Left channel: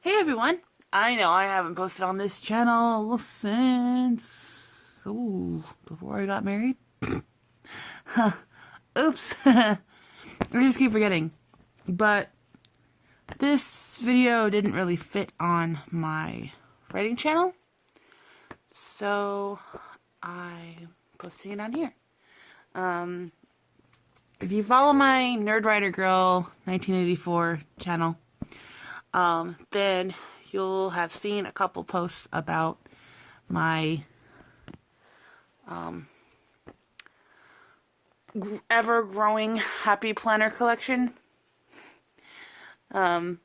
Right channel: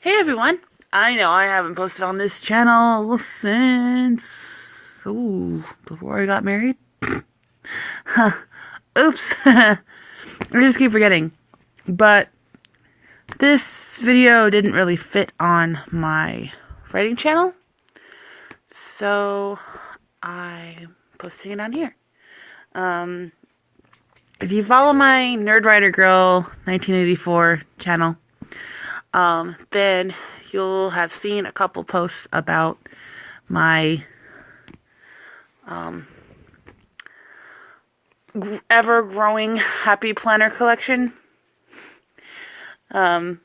Hey everyone! I know I haven't posted on this channel since before I got married. Oops. I just keep forgetting. But this video didn't really fit on my writing channel, so I'm posting it on here. If you follow my Nerd Writer Girl 1984 channel, then you'll have seen a couple posts about my ever-growing Happy Planner collection. And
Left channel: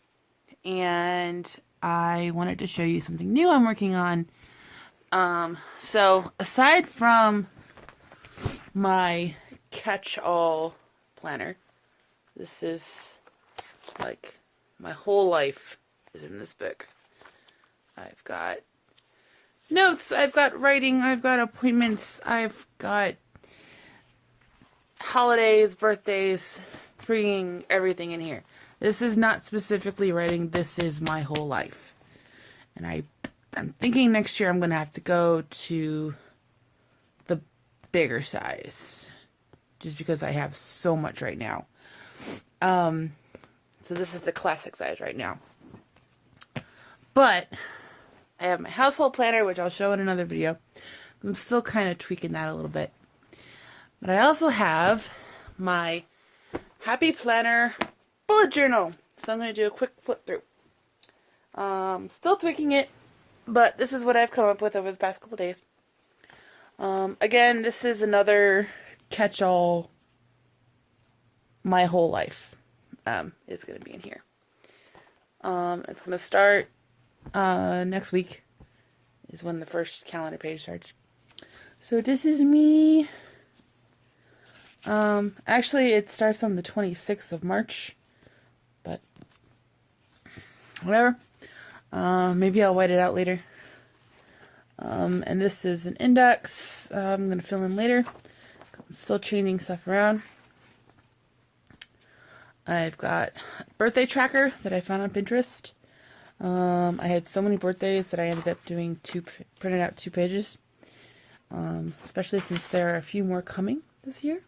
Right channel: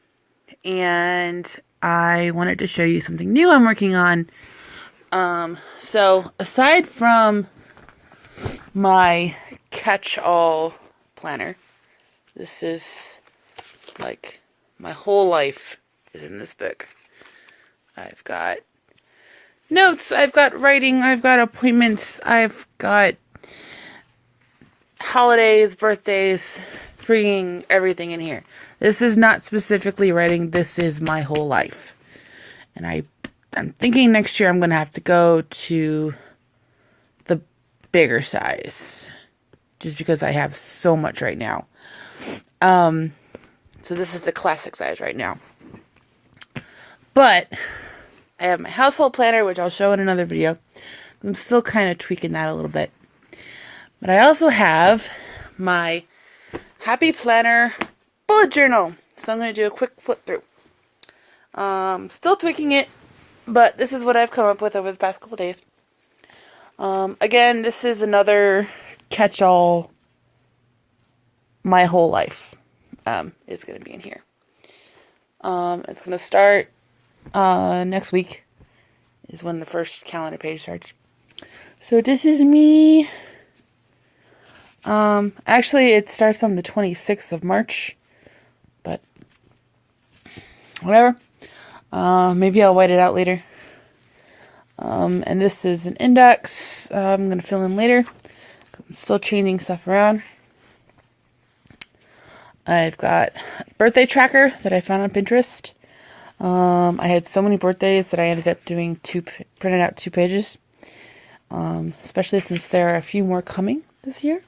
I wanted to show you something new I'm working on. So aside from my catch-all planner, this is like my whole life is in this book. I've got notes, I've got writing, I've got appointments, I've got holidays, birthdays, freaking everything in here. This is not specifically writing, this is my whole life. And I'm thinking next year I'm going to have to go to the bigger size. Just because I have so much right now. So this is the classic size right now. But I have my household planner, which I'll show in another video. I'm still kind of tweaking that a little bit. But I also have my Happy Planner bullet journal. So I'm going to do a quick flip through. Still tweaking it, but this is what I've come up with over the past couple days. Again, this is another catch-all. My whole life is going to be in here. It's going to start next week is when the first calendar page starts. So this is me. Actually, it starts on the 26th of March, but whatever. Maybe I'll white it out later. And this is an index. I'm going to fill in later. I'm still changing stuff around. I've got a birthday tracker that I found on Pinterest. I had so many birthdays that I ended up doing printed out 2 pages. Especially since there are a few more coming this year.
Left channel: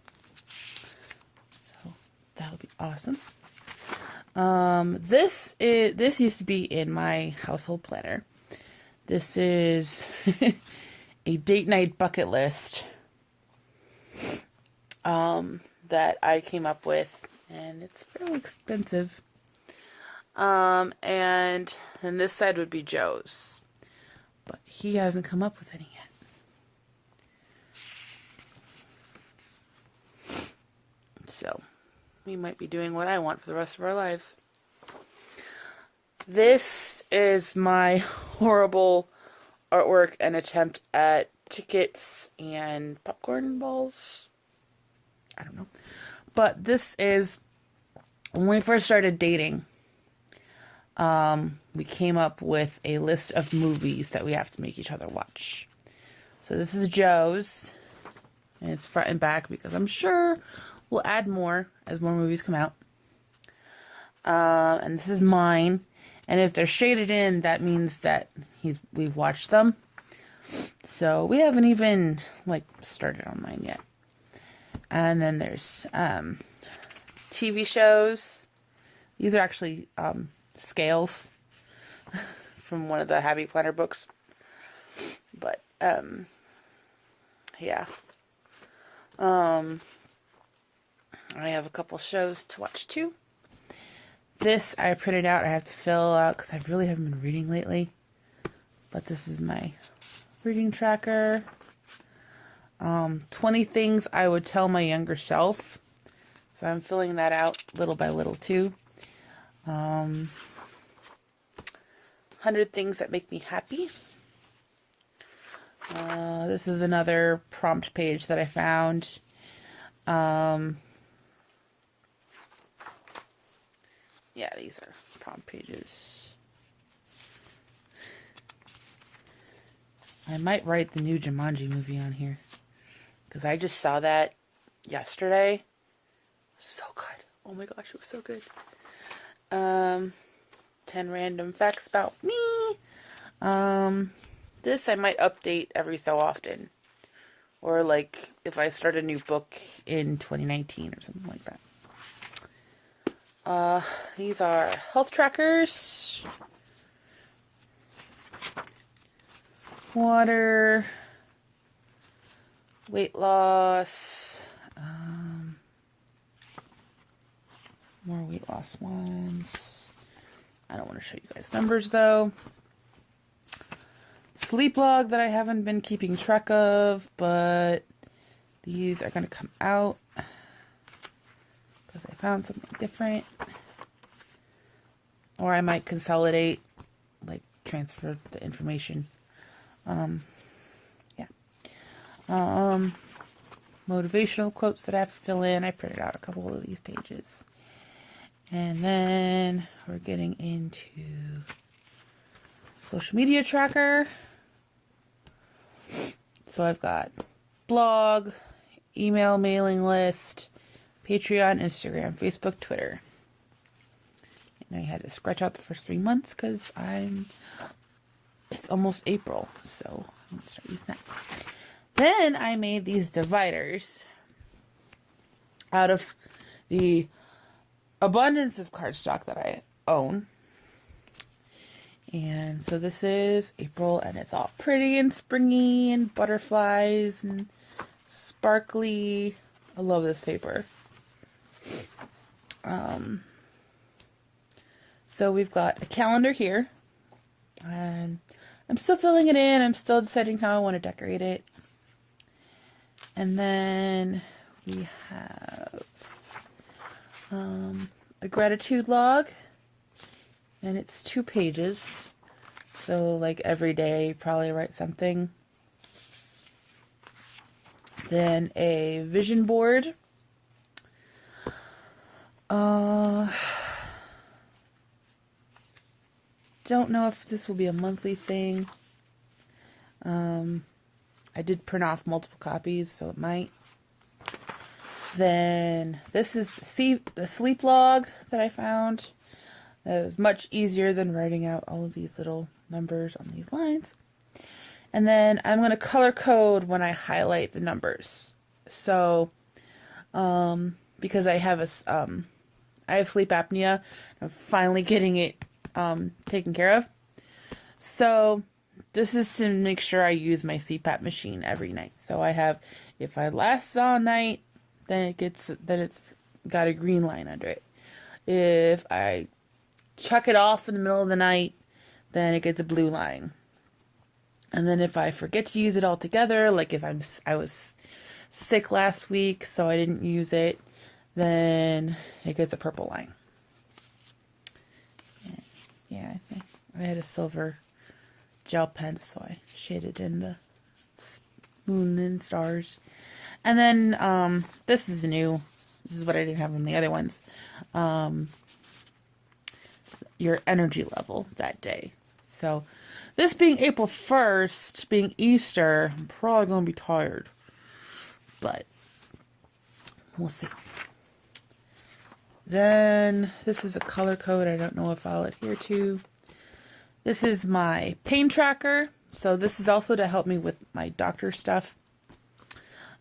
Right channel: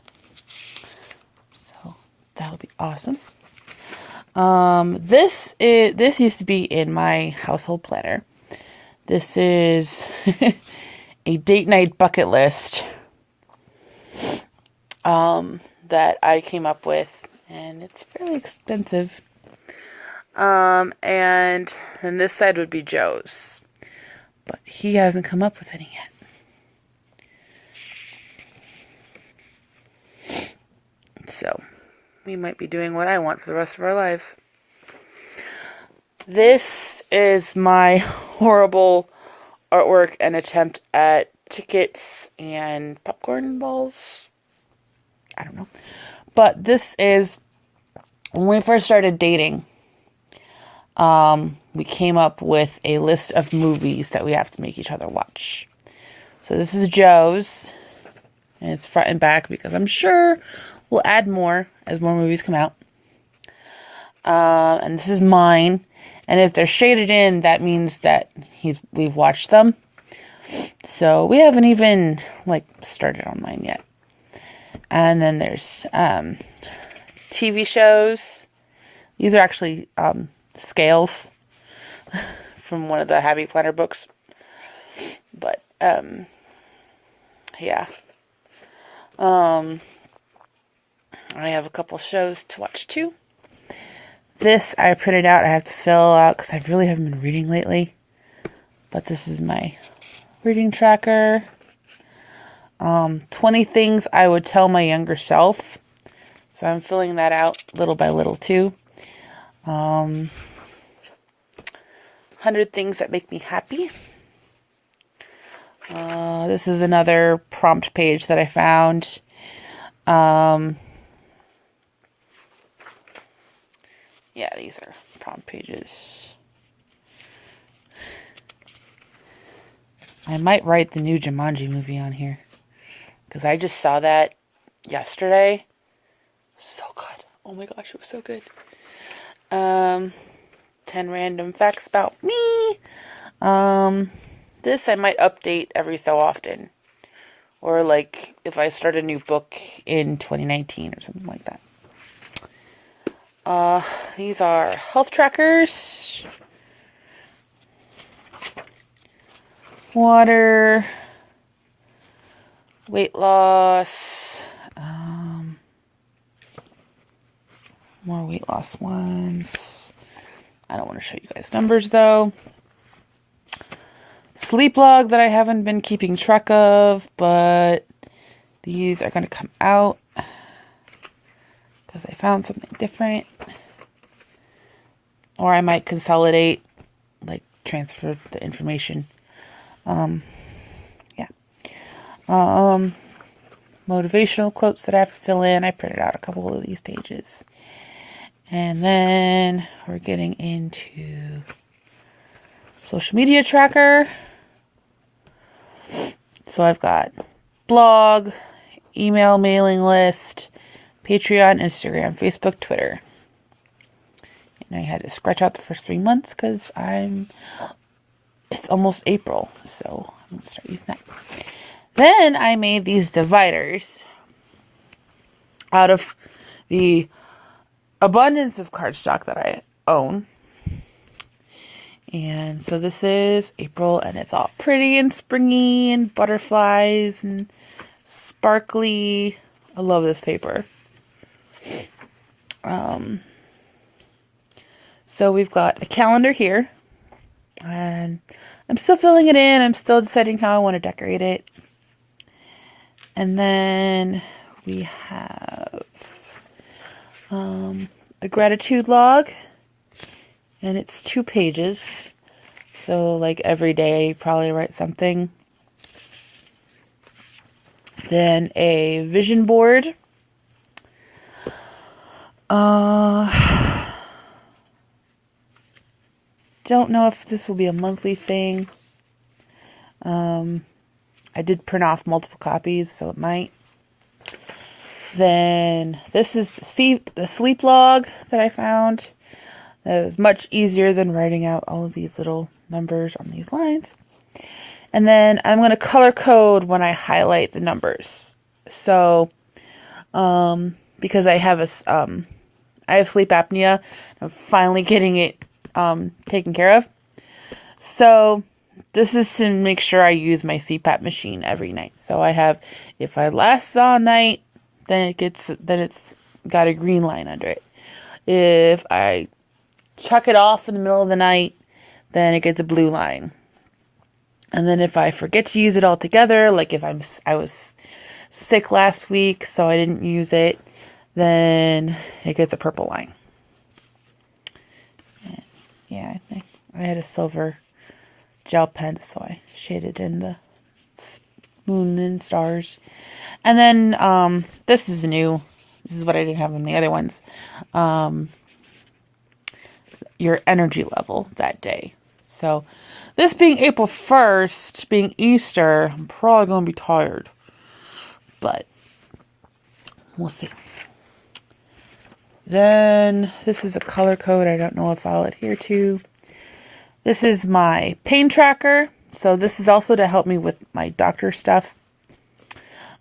So that'll be awesome. This used to be in my household planner. This is a date night bucket list that I came up with, and it's fairly extensive. And then this side would be Joe's, but he hasn't come up with any yet. So we might be doing what I want for the rest of our lives. This is my horrible artwork and attempt at tickets and popcorn balls. I don't know. But this is when we first started dating. We came up with a list of movies that we have to make each other watch. So this is Joe's. And it's front and back because I'm sure we'll add more as more movies come out. And this is mine. And if they're shaded in, that means that we've watched them. So we haven't even started on mine yet. And then there's TV shows. These are actually scales from one of the Happy Planner books. But yeah. I have a couple shows to watch too. This I printed out. I have to fill out because I really haven't been reading lately. But this is my reading tracker. 20 things I would tell my younger self. So I'm filling that out little by little too. 100 things that make me happy. This is another prompt page that I found. Yeah, these are prompt pages. I might write the new Jumanji movie on here. Because I just saw that yesterday. So good. Oh my gosh, it was so good. 10 10 random facts about me. This I might update every so often. Or like if I start a new book in 2019 or something like that. These are health trackers. Water. Weight loss. More weight loss ones. I don't want to show you guys numbers though. Sleep log that I haven't been keeping track of, but these are going to come out because I found something different. Or I might consolidate, like transfer the information. Yeah. Motivational quotes that I have to fill in. I printed out a couple of these pages. And then we're getting into social media tracker. So I've got blog, email mailing list, Patreon, Instagram, Facebook, Twitter. And I had to scratch out the first 3 months because it's almost April. So I'm going to start using that. Then I made these dividers out of the abundance of cardstock that I own. And so this is April, and it's all pretty and springy and butterflies and sparkly. I love this paper. So we've got a calendar here, and I'm still filling it in. I'm still deciding how I want to decorate it. And then we have a gratitude log, and it's 2 pages. So like every day I probably write something. Then a vision board. Don't know if this will be a monthly thing. I did print off multiple copies, so it might. Then this is the sleep log that I found. It was much easier than writing out all of these little numbers on these lines. And then I'm going to color code when I highlight the numbers. So, because I have I have sleep apnea, I'm finally getting it taken care of. So this is to make sure I use my CPAP machine every night. So I have, if I last all night, then it's got a green line under it. If I chuck it off in the middle of the night, then it gets a blue line. And then if I forget to use it altogether, like if I was sick last week, so I didn't use it, then it gets a purple line. Yeah, I had a silver gel pen, so I shaded in the moon and stars. And then this is new. This is what I didn't have in the other ones. Your energy level that day. So this being April 1st, being Easter, I'm probably going to be tired. But we'll see. Then this is a color code. I don't know if I'll adhere to. This is my pain tracker. So this is also to help me with my doctor stuff.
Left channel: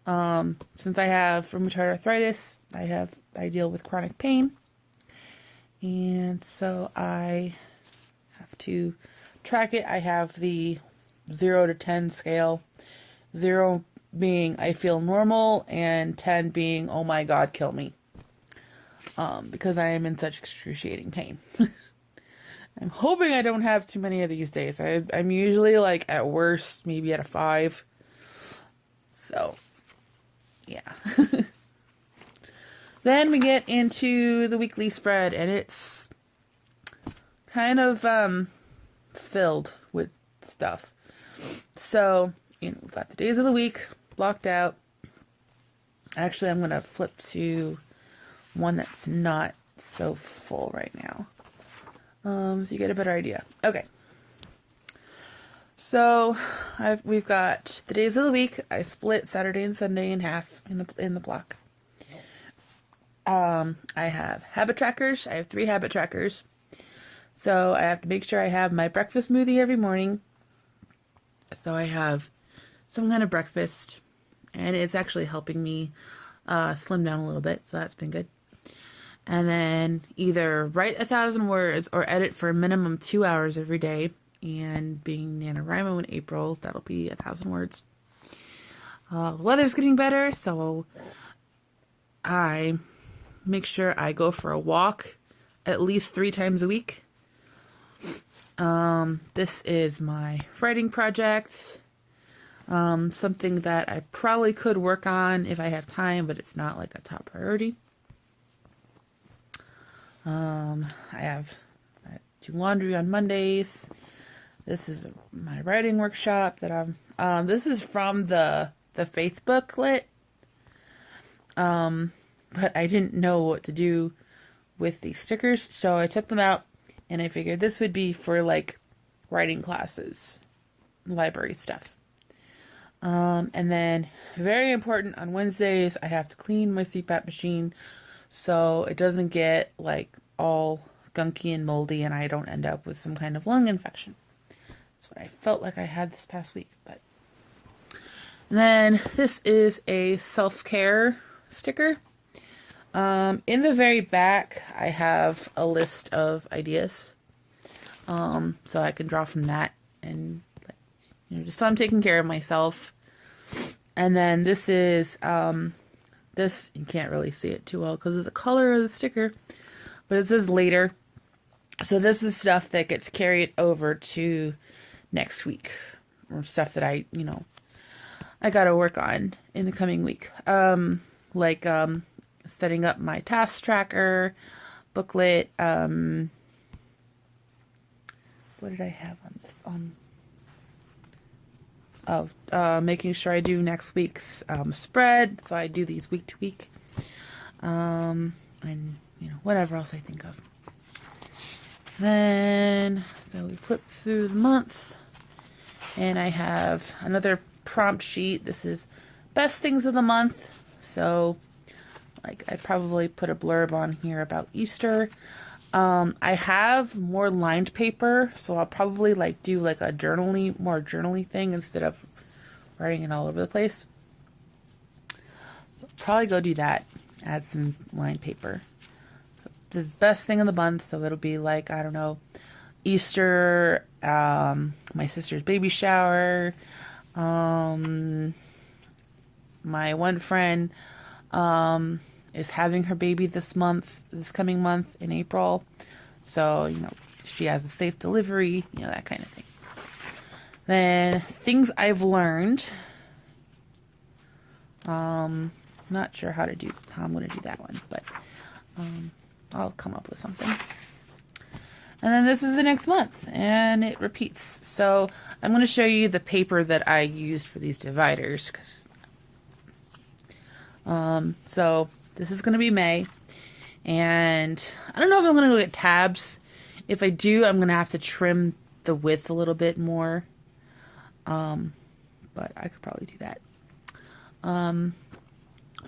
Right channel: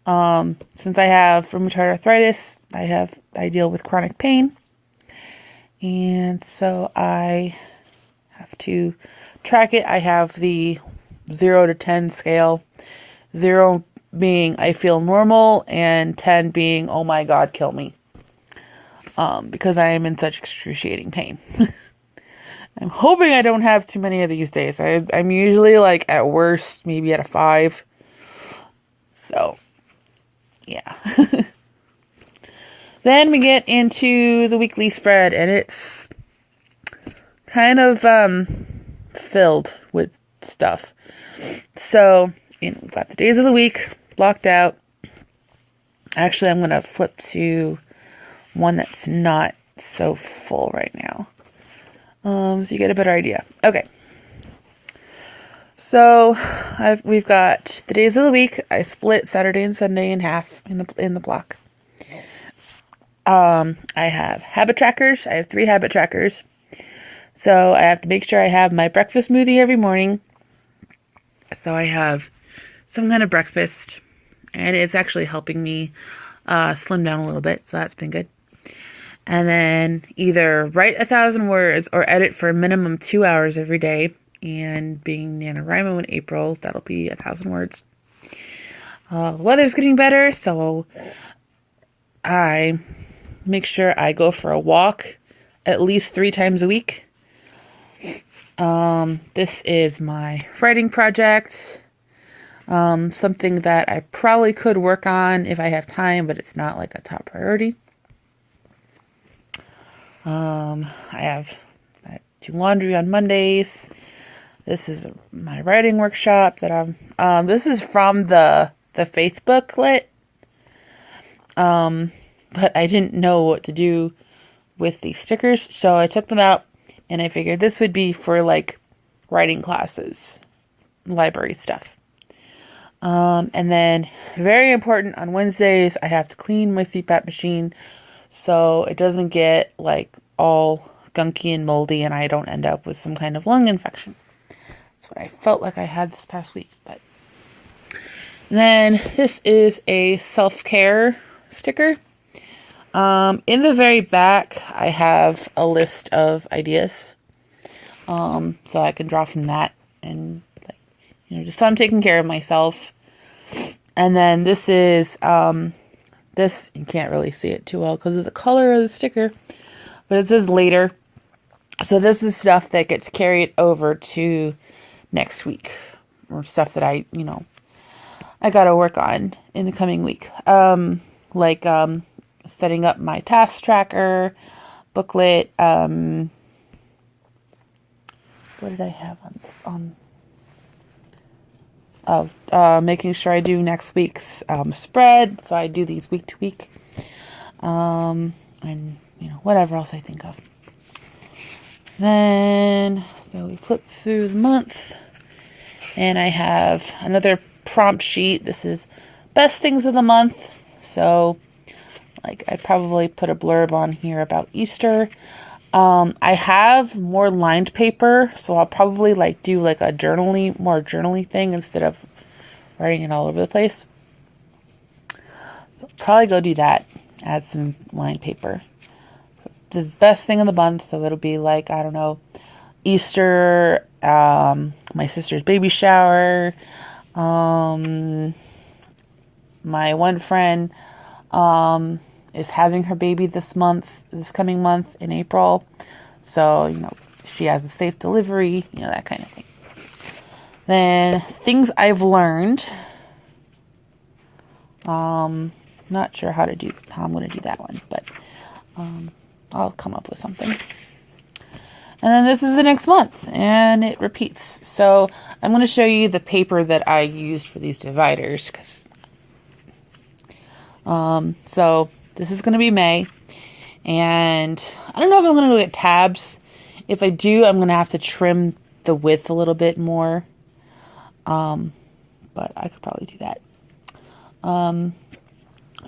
Since I have rheumatoid arthritis, I deal with chronic pain. And so I have to track it. I have the 0 to 10 scale. 0 being I feel normal, and 10 being, oh my God, kill me. Because I am in such excruciating pain. I'm hoping I don't have too many of these days. I'm usually like at worst, maybe at a 5. So, yeah. Then we get into the weekly spread, and it's kind of filled with stuff. So, we've got the days of the week blocked out. Actually, I'm going to flip to one that's not so full right now. So you get a better idea. Okay. So we've got the days of the week. I split Saturday and Sunday in half in the block. I have habit trackers. I have 3 habit trackers. So I have to make sure I have my breakfast smoothie every morning. So I have some kind of breakfast, and it's actually helping me slim down a little bit. So that's been good. And then either write 1,000 words or edit for a minimum 2 hours every day. And being NaNoWriMo in April, that'll be 1,000 words. The weather's getting better, so I make sure I go for a walk at least 3 times a week. This is my writing project. Something that I probably could work on if I have time, but it's not like a top priority. I do laundry on Mondays. This is my writing workshop that this is from the Faith booklet. But I didn't know what to do with these stickers, so I took them out and I figured this would be for like writing classes, library stuff. And then very important, on Wednesdays, I have to clean my CPAP machine so it doesn't get like all gunky and moldy and I don't end up with some kind of lung infection. That's what I felt like I had this past week. But and then this is a self-care sticker. In the very back, I have a list of ideas. So I can draw from that and just so I'm taking care of myself. And then this is, this, you can't really see it too well because of the color of the sticker, but it says later. So this is stuff that gets carried over to next week, or stuff that I gotta work on in the coming week. Like setting up my task tracker, booklet, what did I have making sure I do next week's spread, so I do these week to week, and whatever else I think of. Then so we flip through the month, and I have another prompt sheet. This is best things of the month. So like I probably put a blurb on here about Easter. I have more lined paper, so I'll probably like do like a more journaly thing instead of writing it all over the place. So I'll probably go do that, add some lined paper. So this is best thing of the month, so it'll be like, I don't know, Easter, my sister's baby shower, my one friend, is having her baby this coming month in April. So, she has a safe delivery, that kind of thing. Then things I've learned. Not sure how I'm going to do that one, but I'll come up with something. And then this is the next month, and it repeats. So I'm going to show you the paper that I used for these dividers, so this is going to be May, and I don't know if I'm going to go get tabs. If I do, I'm going to have to trim the width a little bit more, but I could probably do that.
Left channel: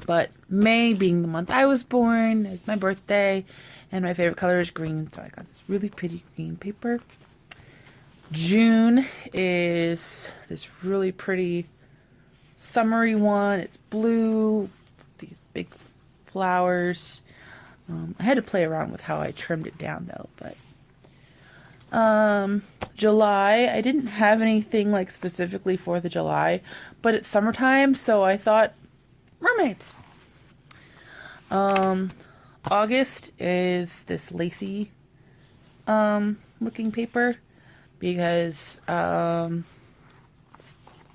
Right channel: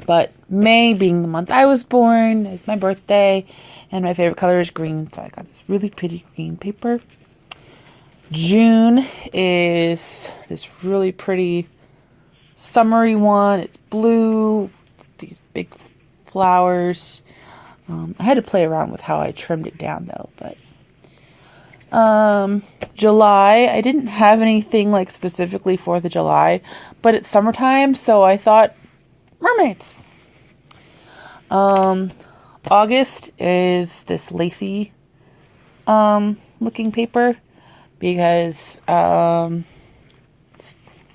But May being the month I was born, it's my birthday, and my favorite color is green, so I got this really pretty green paper. June is this really pretty summery one. It's blue, these big flowers. I had to play around with how I trimmed it down though, but July, I didn't have anything like specifically 4th of July, but it's summertime, so I thought mermaids. August is this lacy looking paper because my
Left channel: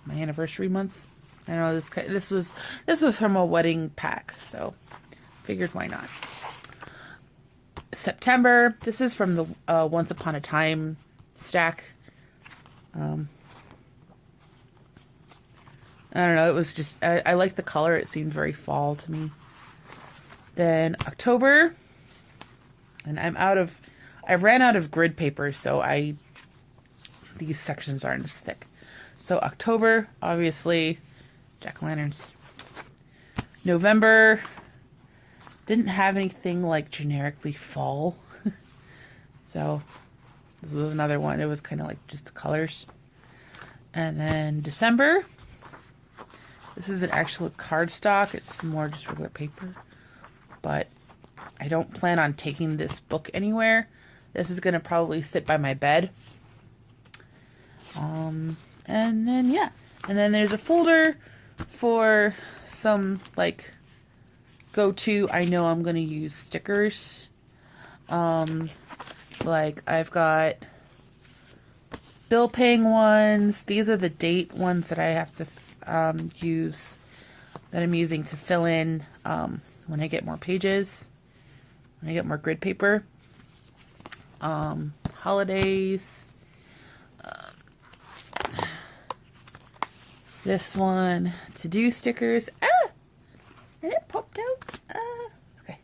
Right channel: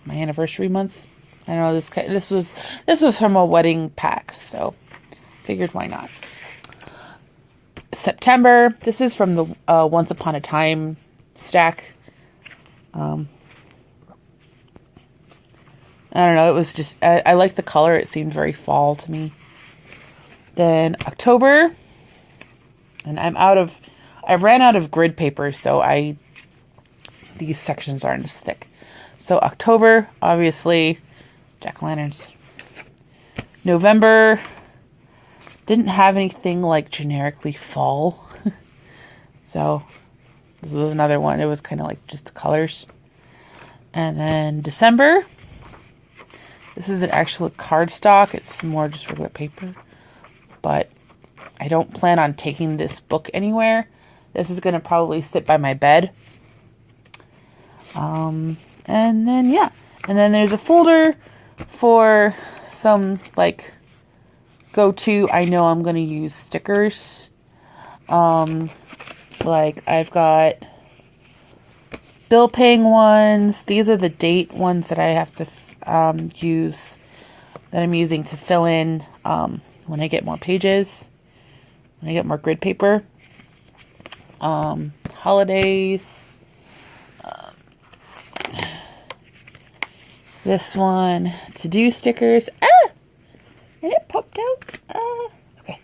anniversary month. I know this was from a wedding pack, so figured why not. September, this is from the Once Upon a Time stack. I don't know, it was just, I like the color, it seemed very fall to me. Then October, and I ran out of grid paper, so these sections aren't as thick. So October, obviously, jack-o'-lanterns. November, didn't have anything like generically fall. So This was another one. It was kind of like just the colors. And then December. This is an actual cardstock. It's more just regular paper. But I don't plan on taking this book anywhere. This is going to probably sit by my bed. And then, yeah. And then there's a folder for some, like, go-to. I know I'm going to use stickers. Like, I've got bill paying ones. These are the date ones that I have to use, that I'm using to fill in when I get more pages, when I get more grid paper. Holidays. This one, to-do stickers. Ah! And it popped out. Okay.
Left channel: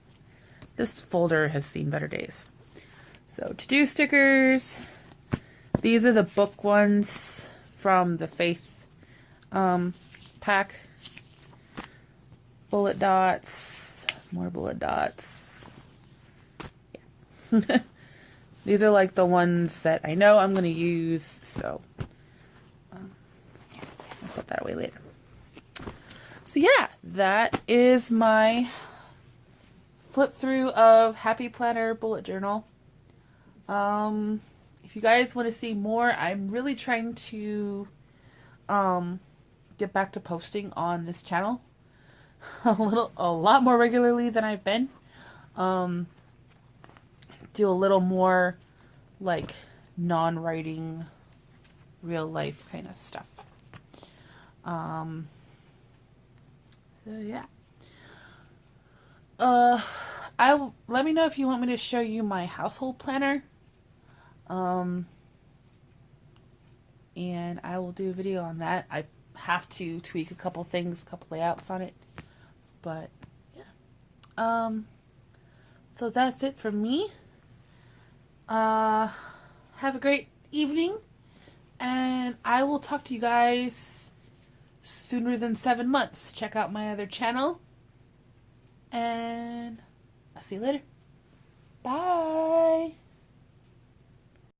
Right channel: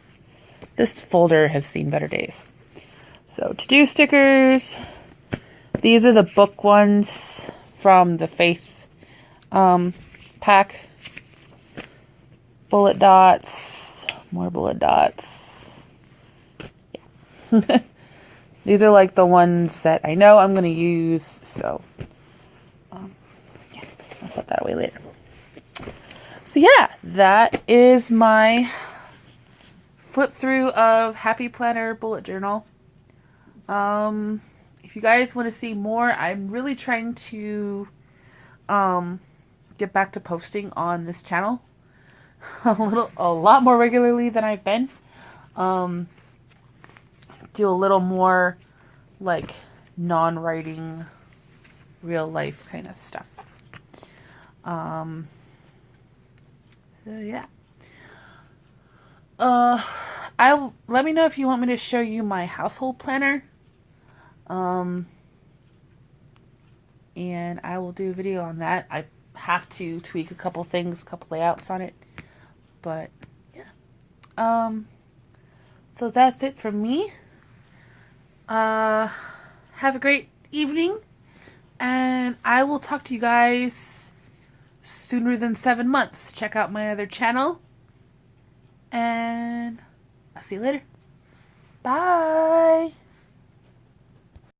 This folder has seen better days. So, to-do stickers. These are the book ones from the Faith pack. Bullet dots. More bullet dots. Yeah. These are like the ones that I know I'm going to use, so yeah, I'll put that away later. So yeah, that is my flip through of Happy Planner Bullet Journal. If you guys want to see more, I'm really trying to get back to posting on this channel a lot more regularly than I've been. Do a little more like non-writing, real life kind of stuff. So yeah. Let me know if you want me to show you my household planner. And I will do a video on that. I have to tweak a couple things, a couple layouts on it. But yeah. So that's it from me. Have a great evening, and I will talk to you guys sooner than 7 months. Check out my other channel, and I'll see you later. Bye.